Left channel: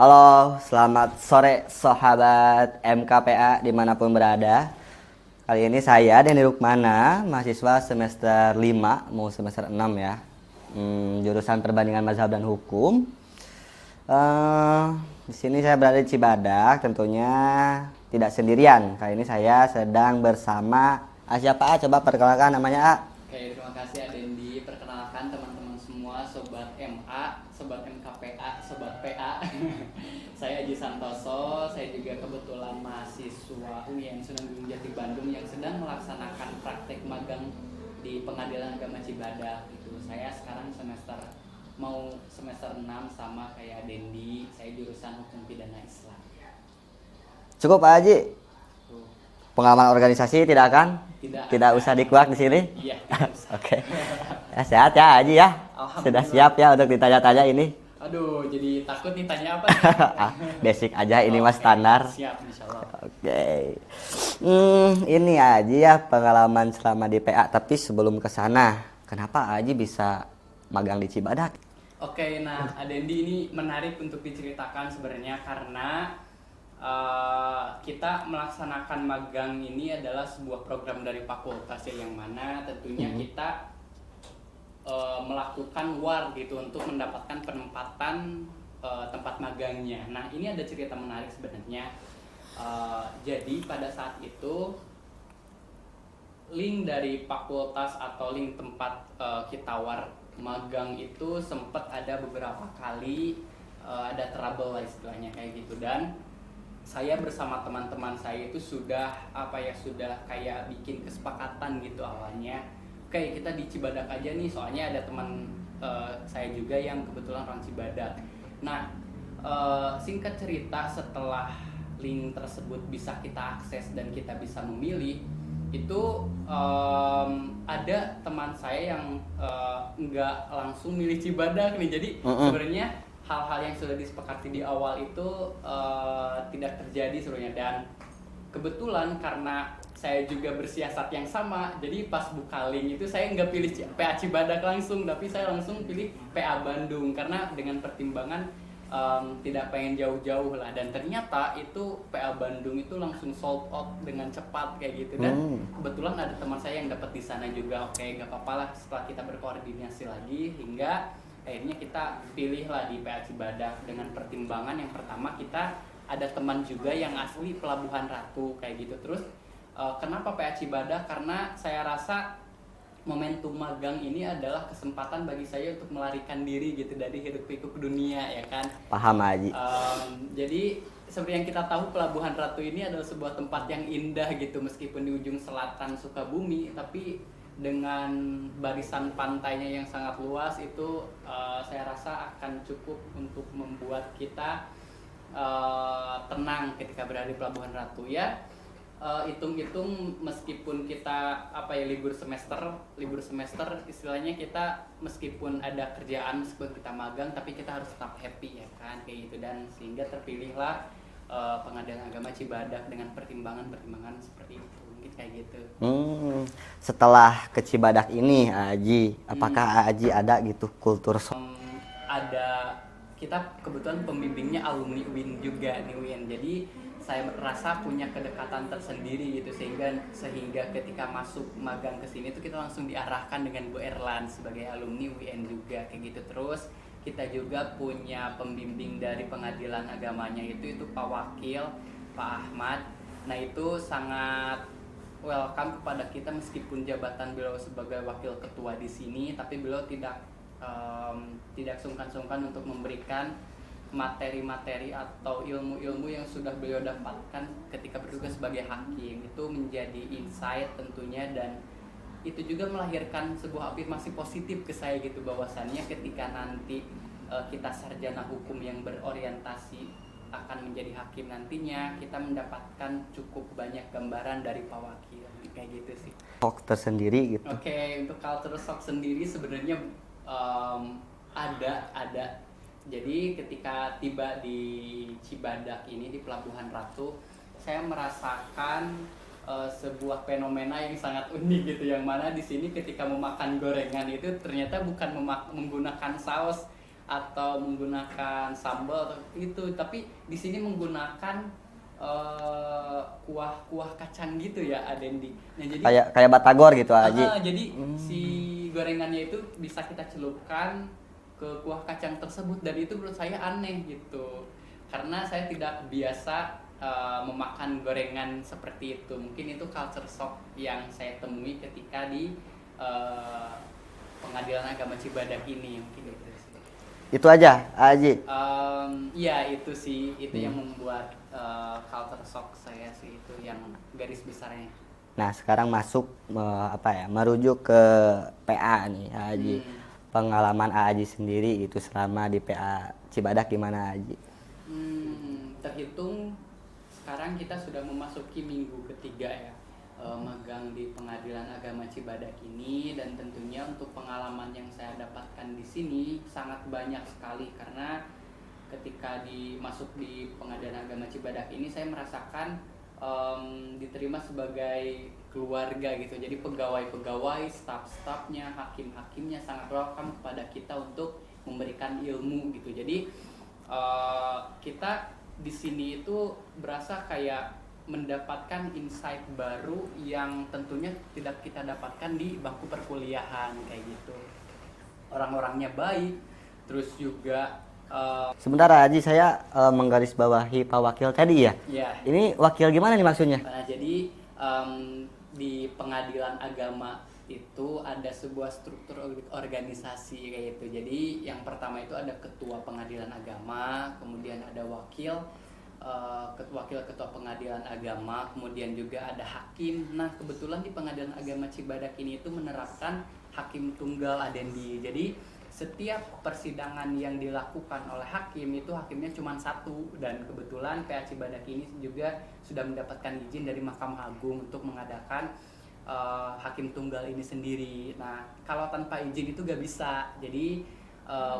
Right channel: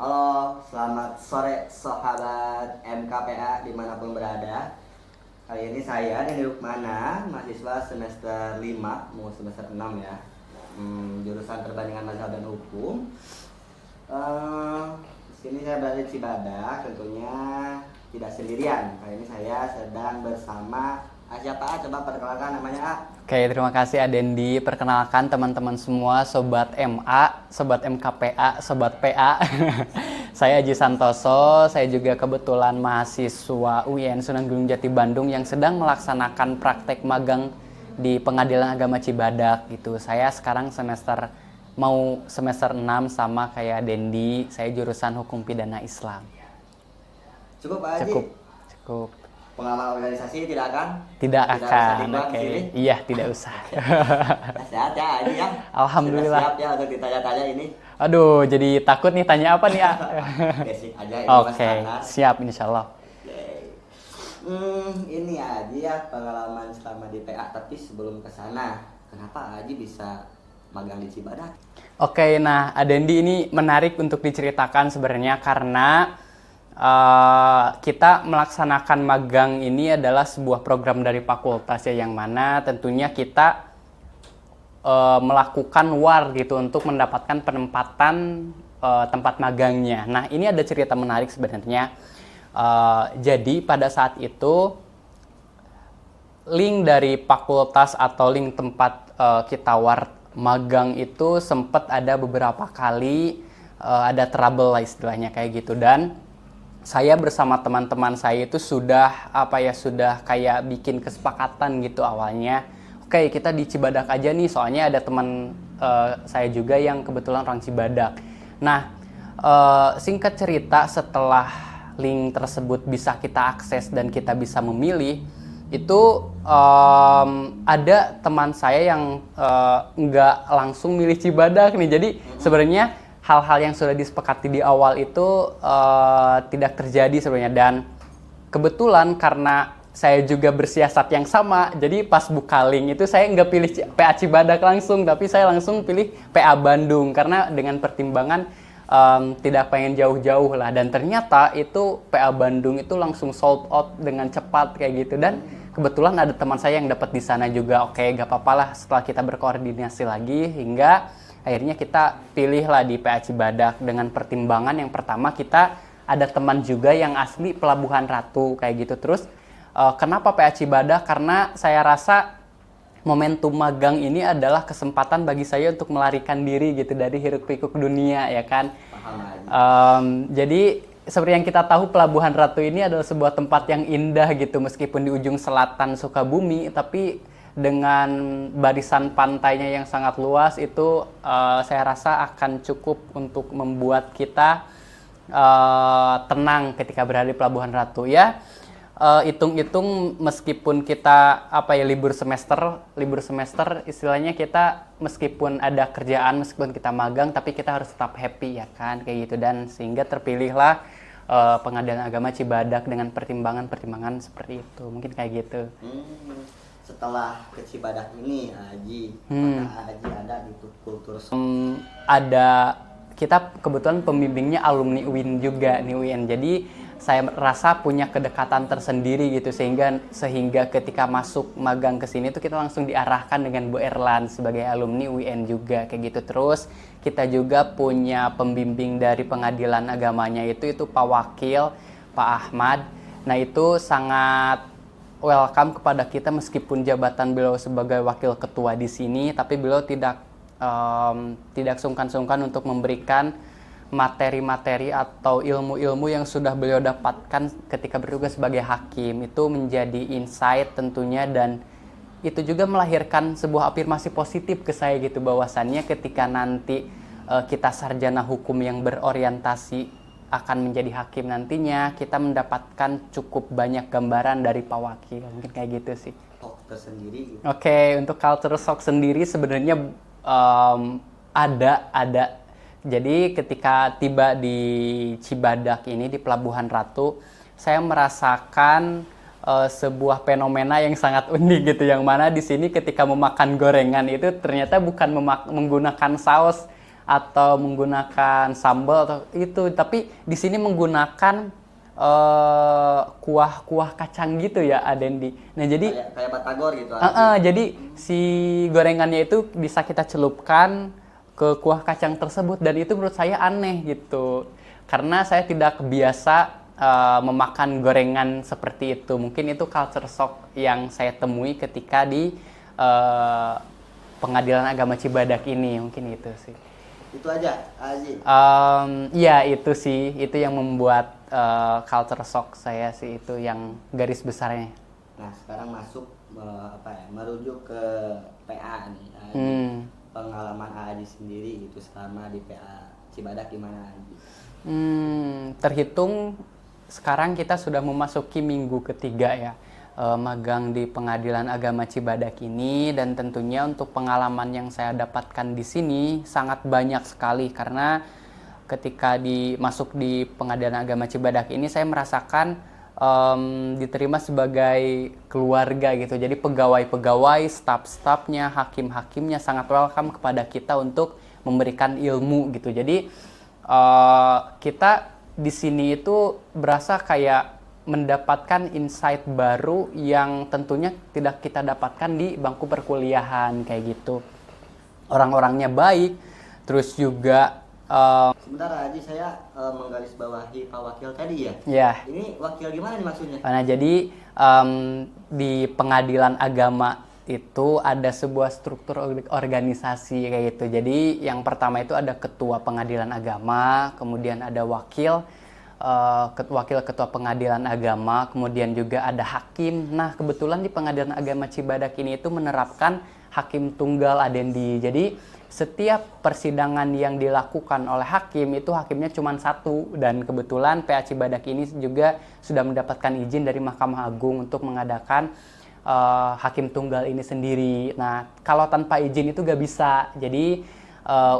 Halo, selamat sore sahabat MKPA dimanapun berada. Kali ini saya Denny Rukmana, mahasiswa semester 5, mau semester 6 ya. Jurusan Perbandingan Mazhab dan Hukum. Di sini saya berada di Cibadak, tentunya tidak sendirian. Kali ini saya sedang bersama siapa A? Coba perkenalkan namanya A. Oke, terima kasih Adendi. Perkenalkan teman-teman semua, Sobat MA, Sobat MKPA, Sobat PA. Saya Aji Santoso, saya juga kebetulan mahasiswa UIN Sunan Gunung Jati Bandung yang sedang melaksanakan praktek magang di Pengadilan Agama Cibadak gitu. Saya sekarang mau semester 6 sama kayak Dendi, saya jurusan Hukum Pidana Islam. Cukup Pak Haji? Cukup. Pengalaman organisasi tidak akan? Tidak usah dikuak di sini? Iya, tidak usah. Oke. Sehat ya Haji ya? Alhamdulillah. Sudah siap ya untuk ditanya-tanya ini? Aduh, jadi takut nih tanya apa nih ya? Basic aja, ini mas standar. Siap, insya Allah. Oke. Ini aja ya pengalaman selama di PA. Tapi sebelum ke sana, kenapa Aji bisa magang di Cibadak? Oke, nah Adendi ini menarik untuk diceritakan sebenarnya karena kita melaksanakan magang ini adalah sebuah program dari fakultas ya, yang mana tentunya kita melakukan war gitu untuk mendapatkan penempatan tempat magangnya. Nah, ini ada cerita menarik sebenarnya. Jadi pada saat itu link dari fakultas atau link tempat kita war magang itu sempat ada beberapa kali ada trouble lah istilahnya kayak gitu, dan saya bersama teman-teman saya itu sudah kayak bikin kesepakatan gitu awalnya. Oke, kita di Cibadak aja nih, soalnya ada teman saya juga yang kebetulan orang Cibadak. Nah, singkat cerita, setelah link tersebut bisa kita akses dan kita bisa memilih, itu ada teman saya yang nggak langsung milih Cibadak nih. Jadi sebenarnya hal-hal yang sudah disepakati di awal itu tidak terjadi sebenarnya, dan kebetulan karena saya juga bersiasat yang sama, jadi pas buka link itu saya nggak pilih PA Cibadak langsung, tapi saya langsung pilih PA Bandung karena dengan pertimbangan tidak pengen jauh-jauh lah, dan ternyata itu PA Bandung itu langsung sold out dengan cepat kayak gitu, dan kebetulan ada teman saya yang dapat di sana juga. Oke, gak apa-apa lah, setelah kita berkoordinasi lagi hingga akhirnya kita pilih lah di PA Cibadak dengan pertimbangan yang pertama, kita ada teman juga yang asli Pelabuhan Ratu kayak gitu. Terus kenapa PA Cibadak? Karena saya rasa momentum magang ini adalah kesempatan bagi saya untuk melarikan diri gitu dari hiruk pikuk dunia ya kan. Paham Haji. Jadi seperti yang kita tahu, Pelabuhan Ratu ini adalah sebuah tempat yang indah gitu, meskipun di ujung selatan Sukabumi, tapi dengan barisan pantainya yang sangat luas itu saya rasa akan cukup untuk membuat kita tenang ketika berada di Pelabuhan Ratu ya. Hitung-hitung meskipun kita libur semester istilahnya, kita meskipun ada kerjaan, meskipun kita magang, tapi kita harus tetap happy ya kan kayak gitu, dan sehingga terpilihlah Pengadilan Agama Cibadak dengan pertimbangan seperti itu, mungkin kayak gitu. Setelah ke Cibadak ini Aji, apakah Aji ada gitu kultur ada, kita kebetulan pembimbingnya alumni UIN juga nih, UIN, jadi saya rasa punya kedekatan tersendiri gitu, sehingga ketika masuk magang ke sini tuh kita langsung diarahkan dengan Bu Erlan sebagai alumni UIN juga kayak gitu. Terus kita juga punya pembimbing dari pengadilan agamanya itu Pak Wakil, Pak Ahmad. Nah, itu sangat welcome kepada kita meskipun jabatan beliau sebagai wakil ketua di sini, tapi beliau tidak sungkan-sungkan untuk memberikan materi-materi atau ilmu-ilmu yang sudah beliau dapatkan ketika bertugas sebagai hakim. Itu menjadi insight tentunya, dan itu juga melahirkan sebuah afirmasi positif ke saya gitu, bahwasannya ketika nanti kita sarjana hukum yang berorientasi akan menjadi hakim nantinya, kita mendapatkan cukup banyak gambaran dari Pak Wakil, mungkin kayak gitu sih. shock tersendiri gitu. Oke, untuk culture shock sendiri sebenarnya ada. Jadi ketika tiba di Cibadak ini, di Pelabuhan Ratu, saya merasakan sebuah fenomena yang sangat unik gitu, yang mana di sini ketika memakan gorengan itu ternyata bukan menggunakan saus atau menggunakan sambal atau itu, tapi di sini menggunakan kuah-kuah kacang gitu ya Adendi. Nah jadi Kayak batagor gitu Aji. jadi si gorengannya itu bisa kita celupkan ke kuah kacang tersebut, dan itu menurut saya aneh gitu. Karena saya tidak biasa memakan gorengan seperti itu. Mungkin itu culture shock yang saya temui ketika di Pengadilan Agama Cibadak ini, mungkin itu sih. Itu aja Aji. Ya itu sih, itu yang membuat culture shock saya sih, itu yang garis besarnya. Nah, sekarang masuk merujuk ke PA nih Aji. Pengalaman Aji sendiri itu selama di PA Cibadak gimana Aji? Terhitung sekarang kita sudah memasuki minggu ketiga ya magang di Pengadilan Agama Cibadak ini, dan tentunya untuk pengalaman yang saya dapatkan di sini sangat banyak sekali, karena ketika masuk di Pengadilan Agama Cibadak ini saya merasakan diterima sebagai keluarga gitu. Jadi pegawai-pegawai, staf-stafnya, hakim-hakimnya sangat welcome kepada kita untuk memberikan ilmu gitu. Jadi kita di sini itu berasa kayak mendapatkan insight baru yang tentunya tidak kita dapatkan di bangku perkuliahan kayak gitu. Orang-orangnya baik, terus juga Sebentar Aji, saya menggarisbawahi Pak Wakil tadi ya. ya. Ini wakil gimana nih maksudnya? Nah, jadi di Pengadilan Agama itu ada sebuah struktur organisasi kayak gitu. Jadi yang pertama itu ada ketua Pengadilan Agama, kemudian ada wakil ketua Pengadilan Agama, kemudian juga ada hakim. Nah, kebetulan di Pengadilan Agama Cibadak ini itu menerapkan hakim tunggal Adendi. Jadi setiap persidangan yang dilakukan oleh hakim itu hakimnya cuma satu, dan kebetulan PA Cibadak ini juga sudah mendapatkan izin dari Mahkamah Agung untuk mengadakan hakim tunggal ini sendiri. Nah, kalau tanpa izin itu gak bisa. Jadi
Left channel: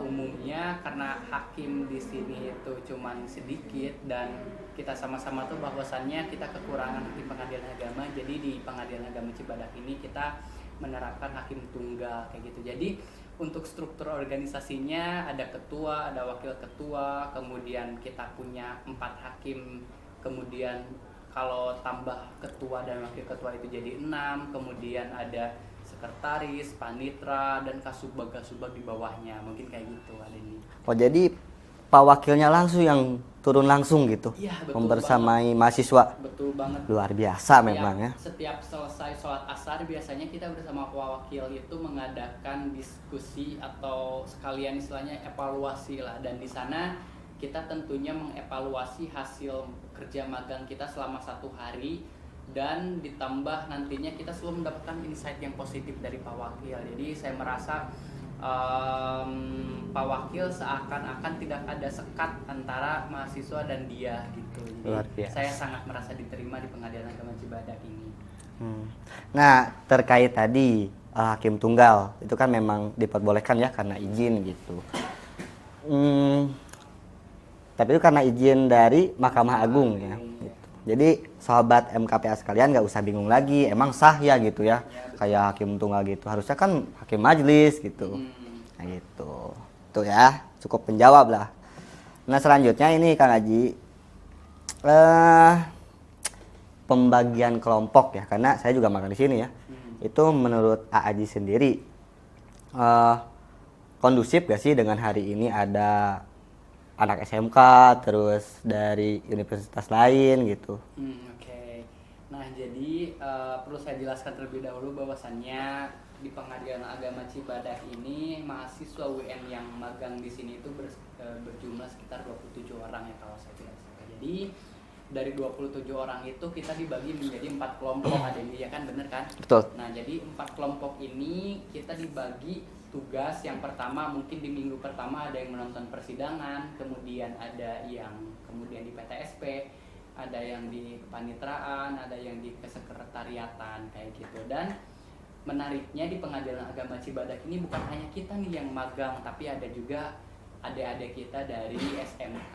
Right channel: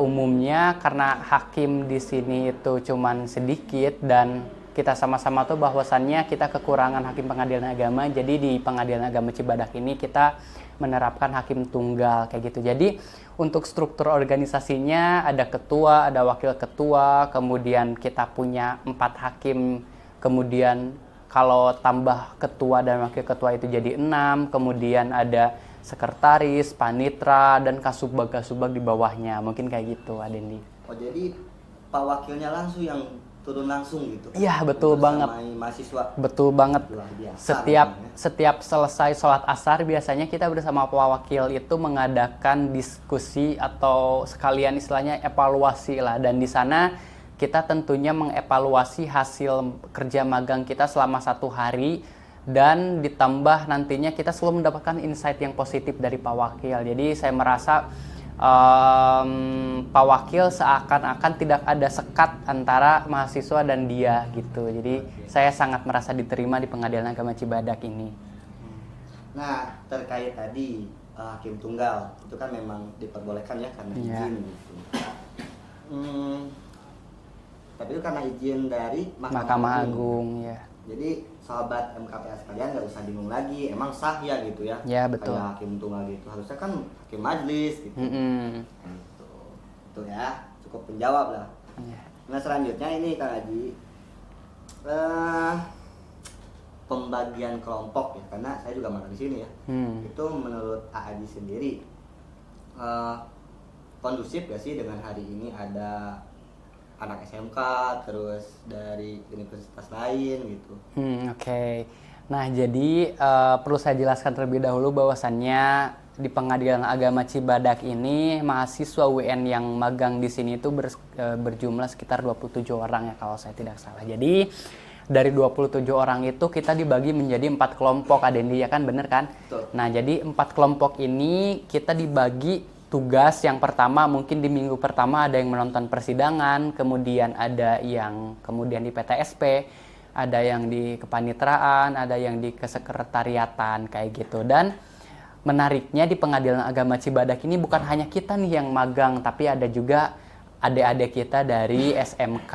umumnya karena hakim di sini itu cuman sedikit, dan kita sama-sama tuh bahwasannya kita kekurangan hakim pengadilan agama. Jadi di Pengadilan Agama Cibadak ini kita menerapkan hakim tunggal kayak gitu. Jadi untuk struktur organisasinya ada ketua, ada wakil ketua, kemudian kita punya 4 hakim, kemudian kalau tambah ketua dan wakil ketua itu jadi 6, kemudian ada sekretaris, panitra, dan kasubag-kasubag di bawahnya. Mungkin kayak gitu, Adendi. Oh, jadi Pak Wakilnya langsung yang turun langsung gitu? Iya, betul banget. Membersamai mahasiswa? Betul banget. Luar biasa memang ya. Setiap selesai sholat asar, biasanya kita bersama Pak Wakil itu mengadakan diskusi atau sekalian istilahnya evaluasi lah. Dan di sana kita tentunya mengevaluasi hasil kerja magang kita selama 1 hari, dan ditambah nantinya kita selalu mendapatkan insight yang positif dari Pak Wakil. Jadi saya merasa Pak Wakil seakan-akan tidak ada sekat antara mahasiswa dan dia gitu. Jadi saya sangat merasa diterima di Pengadilan Agama Cibadak ini. Nah, terkait tadi hakim tunggal itu kan memang diperbolehkan ya karena izin gitu. Tapi itu karena izin dari Mahkamah Agung ya. Jadi sahabat MKPA sekalian nggak usah bingung lagi, emang sah ya gitu ya, betul. Kayak hakim tunggal gitu, harusnya kan hakim majelis gitu. Nah gitu, tuh ya cukup menjawab lah. Nah selanjutnya ini Kang Haji, pembagian kelompok ya, karena saya juga magang di sini ya. Itu menurut Haji sendiri kondusif gak sih dengan hari ini ada anak SMK terus dari universitas lain gitu? Oke. Nah jadi perlu saya jelaskan terlebih dahulu bahwasannya di Pengadilan Agama Cibadak ini mahasiswa UN yang magang di sini itu berjumlah sekitar 27 orang ya kalau saya tidak salah. Jadi dari 27 orang itu kita dibagi menjadi 4 kelompok, Adendi, ya kan, bener kan? Betul. Nah jadi 4 kelompok ini kita dibagi tugas. Yang pertama mungkin di minggu pertama ada yang menonton persidangan, kemudian ada yang kemudian di PTSP, ada yang di kepanitraan, ada yang di kesekretariatan kayak gitu. Dan menariknya di Pengadilan Agama Cibadak ini bukan hanya kita nih yang magang, tapi ada juga adik-adik kita dari SMK.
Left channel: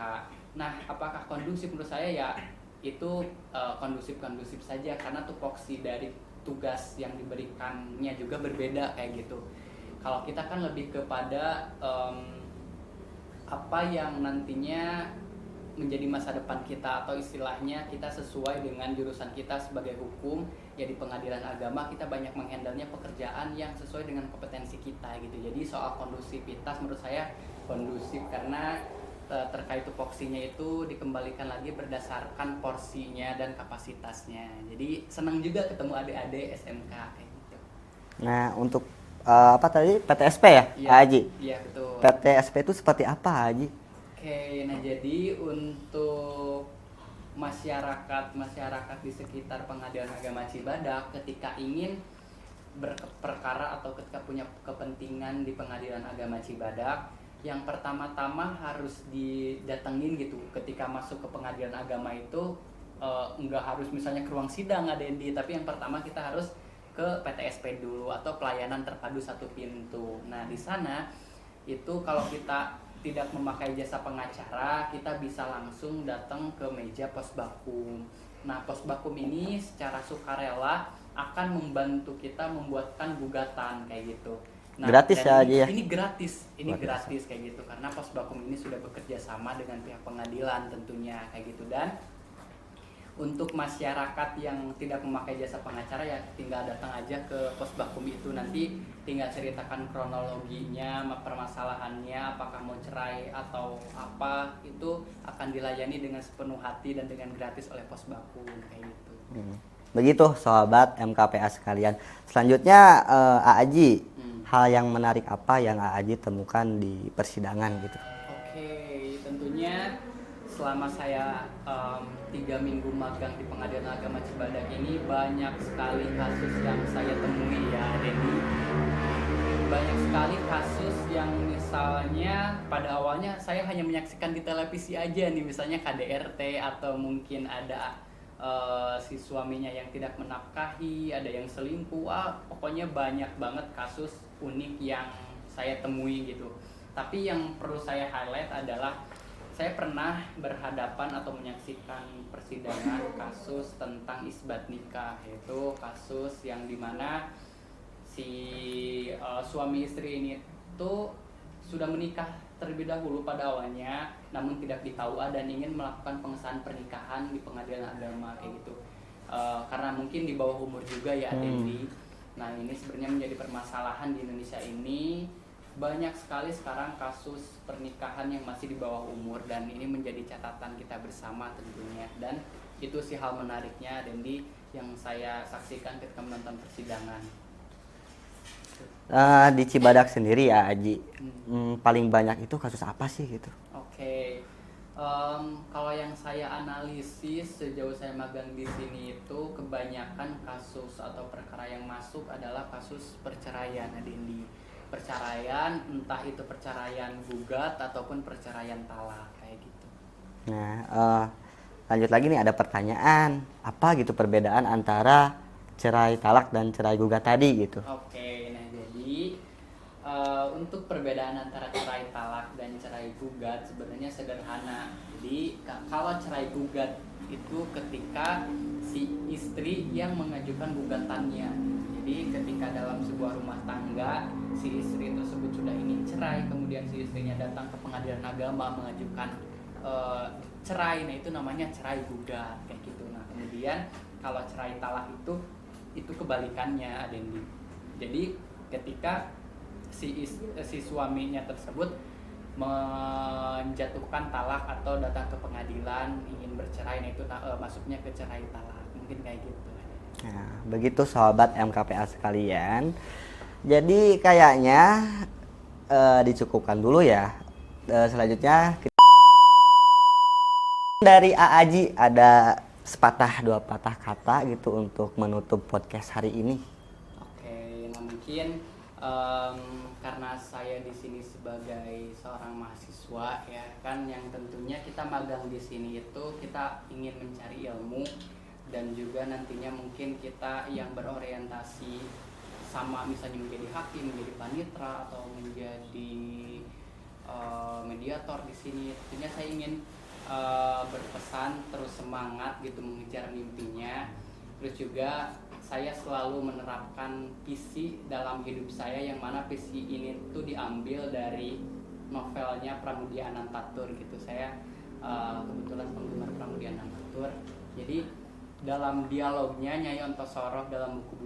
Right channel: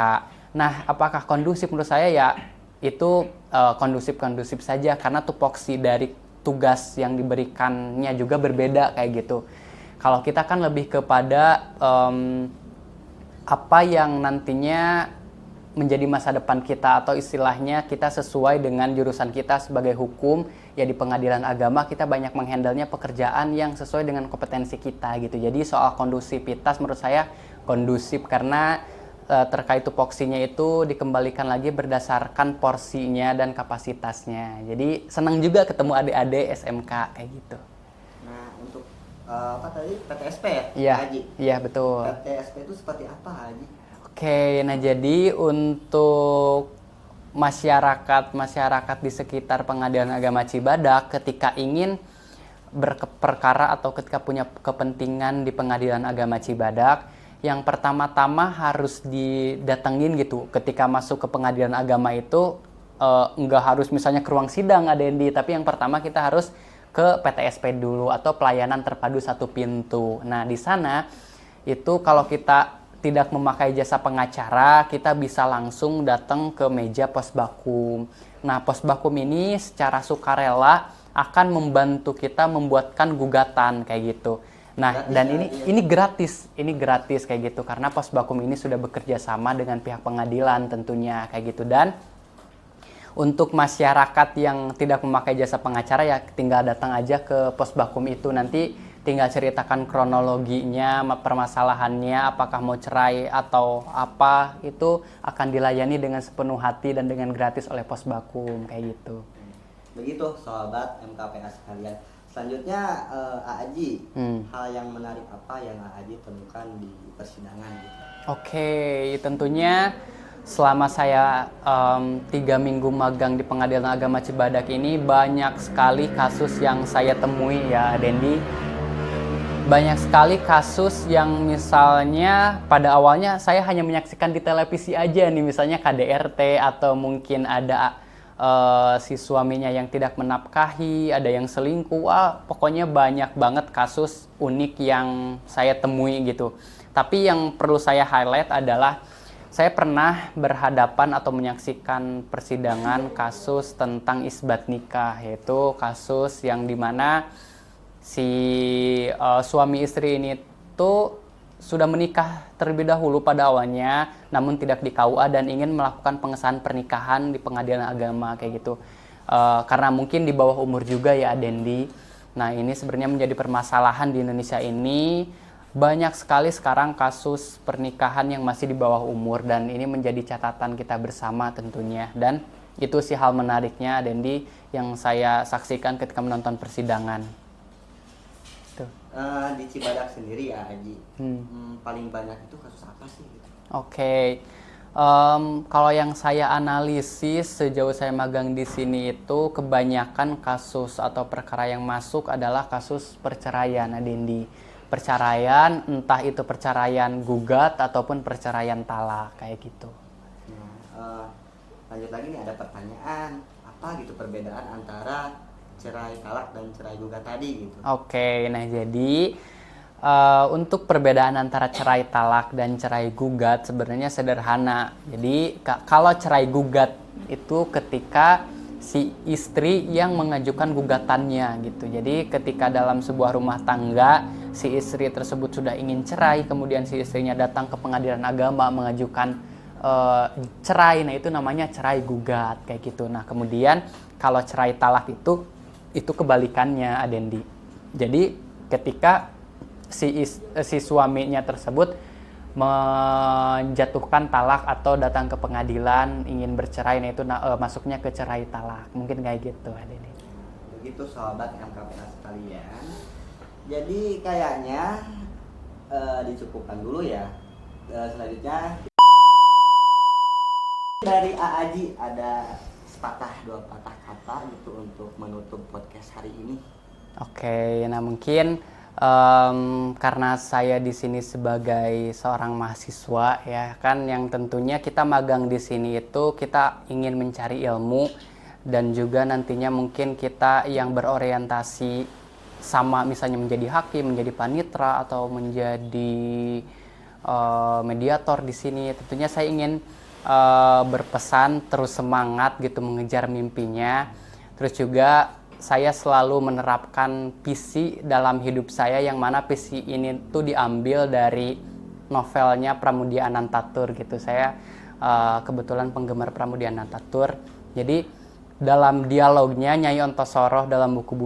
Nah, apakah kondusif? Menurut saya ya itu kondusif-kondusif saja, karena tupoksi dari tugas yang diberikannya juga berbeda kayak gitu. Kalau kita kan lebih kepada apa yang nantinya menjadi masa depan kita, atau istilahnya kita sesuai dengan jurusan kita sebagai hukum ya, di pengadilan agama kita banyak menghandlenya pekerjaan yang sesuai dengan kompetensi kita gitu. Jadi soal kondusivitas menurut saya kondusif, karena terkait tupoksinya itu dikembalikan lagi berdasarkan porsinya dan kapasitasnya. Jadi senang juga ketemu adik-adik SMK kayak gitu. Nah, untuk apa tadi, PTSP ya, Iya, Pak Haji? iya betul. PTSP itu seperti apa, Haji? Oke, nah jadi untuk masyarakat di sekitar Pengadilan Agama Cibadak ketika ingin berperkara atau ketika punya kepentingan di Pengadilan Agama Cibadak, yang pertama-tama harus didatengin gitu. Ketika masuk ke Pengadilan Agama itu nggak harus misalnya ke ruang sidang Adendi, tapi yang pertama kita harus ke PTSP dulu, atau pelayanan terpadu satu pintu. Nah, di sana itu kalau kita tidak memakai jasa pengacara, kita bisa langsung datang ke meja posbakum. Nah, posbakum ini secara sukarela akan membantu kita membuatkan gugatan kayak gitu. Nah, Gratis dan ya, ini, Haji ya? ini gratis kayak gitu, karena posbakum ini sudah bekerja sama dengan pihak pengadilan tentunya kayak gitu. Dan untuk masyarakat yang tidak memakai jasa pengacara ya tinggal datang aja ke posbakum itu, nanti tinggal ceritakan kronologinya, permasalahannya, apakah mau cerai atau apa, itu akan dilayani dengan sepenuh hati dan dengan gratis oleh posbakum kayak gitu. Begitu sobat MKPA sekalian. Selanjutnya Aaji, hal yang menarik apa yang Aaji temukan di persidangan gitu? Oke, tentunya selama saya 3 minggu magang di Pengadilan Agama Cibadak ini banyak sekali kasus yang saya temui ya Dendi. Banyak sekali kasus yang misalnya pada awalnya saya hanya menyaksikan di televisi aja nih, misalnya KDRT, atau mungkin ada si suaminya yang tidak menafkahi, ada yang selingkuh, pokoknya banyak banget kasus unik yang saya temui gitu. Tapi yang perlu saya highlight adalah saya pernah berhadapan atau menyaksikan persidangan kasus tentang isbat nikah, yaitu kasus yang dimana si suami istri ini tuh sudah menikah terlebih dahulu pada awalnya, namun tidak di KUA dan ingin melakukan pengesahan pernikahan di Pengadilan Agama kayak gitu. Karena mungkin di bawah umur juga ya Dendi. Nah, ini sebenarnya menjadi permasalahan di Indonesia ini. Banyak sekali sekarang kasus pernikahan yang masih di bawah umur, dan ini menjadi catatan kita bersama tentunya. Dan itu sih hal menariknya Dendi yang saya saksikan ketika menonton persidangan. Di Cibadak sendiri ya Aji, paling banyak itu kasus apa sih gitu? Oke. Kalau yang saya analisis sejauh saya magang di sini itu kebanyakan kasus atau perkara yang masuk adalah kasus perceraian, Adendi. Perceraian, entah itu perceraian gugat ataupun perceraian talak kayak gitu. Nah, lanjut lagi nih, ada pertanyaan, apa gitu perbedaan antara cerai talak dan cerai gugat tadi gitu? Oke, nah jadi untuk perbedaan antara cerai talak dan cerai gugat sebenarnya sederhana. Jadi kalau cerai gugat itu ketika si istri yang mengajukan gugatannya gitu. Jadi ketika dalam sebuah rumah tangga si istri tersebut sudah ingin cerai, kemudian si istrinya datang ke Pengadilan Agama mengajukan cerai, nah itu namanya cerai gugat kayak gitu. Nah kemudian kalau cerai talak itu kebalikannya Adendi. Jadi ketika si suaminya tersebut menjatuhkan talak atau datang ke pengadilan ingin bercerai, nah itu masuknya ke cerai talak. Mungkin kayak gitu Adendi. Nah, begitu sahabat MKPA sekalian. Jadi kayaknya dicukupkan dulu ya. Selanjutnya dari Aaji ada sepatah dua patah kata gitu untuk menutup podcast hari ini. Oke, nah mungkin karena saya di sini sebagai seorang mahasiswa ya kan, yang tentunya kita magang di sini itu kita ingin mencari ilmu, dan juga nantinya mungkin kita yang berorientasi sama misalnya menjadi hakim, menjadi panitra atau menjadi mediator di sini. Tentunya saya ingin berpesan terus semangat gitu mengejar mimpinya. Terus juga saya selalu menerapkan visi dalam hidup saya, yang mana visi ini tuh diambil dari novelnya Pramudia Anantatur gitu. Saya kebetulan penggemar Pramudia Anantatur. Jadi dalam dialognya Nyai Ontosoroh dalam buku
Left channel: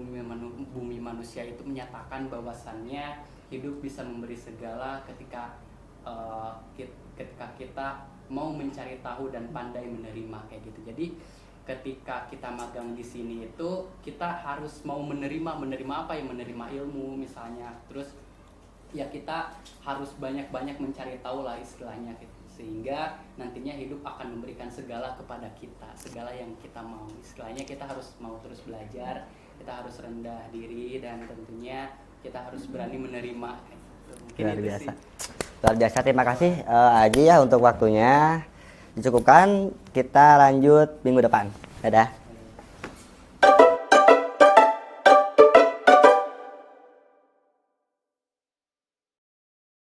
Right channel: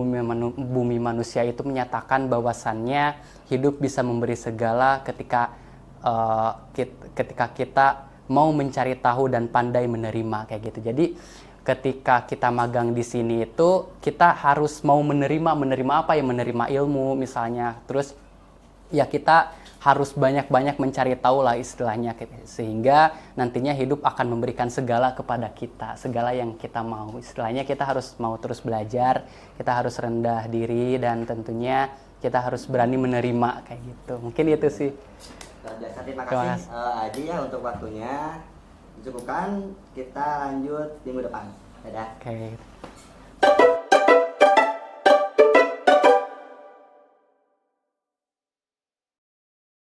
Bumi Manusia itu menyatakan bahwasannya hidup bisa memberi segala ketika kita mau mencari tahu dan pandai menerima kayak gitu. Jadi ketika kita magang di sini itu kita harus mau menerima apa ya, menerima ilmu misalnya. Terus ya kita harus banyak-banyak mencari tahu lah istilahnya, sehingga nantinya hidup akan memberikan segala kepada kita, segala yang kita mau. Istilahnya kita harus mau terus belajar, kita harus rendah diri, dan tentunya kita harus berani menerima kayak gitu. Mungkin Luar itu biasa. sih. Luar biasa, terima kasih Aji ya untuk waktunya. Dicukupkan, kita lanjut minggu depan. Dadah. Oke.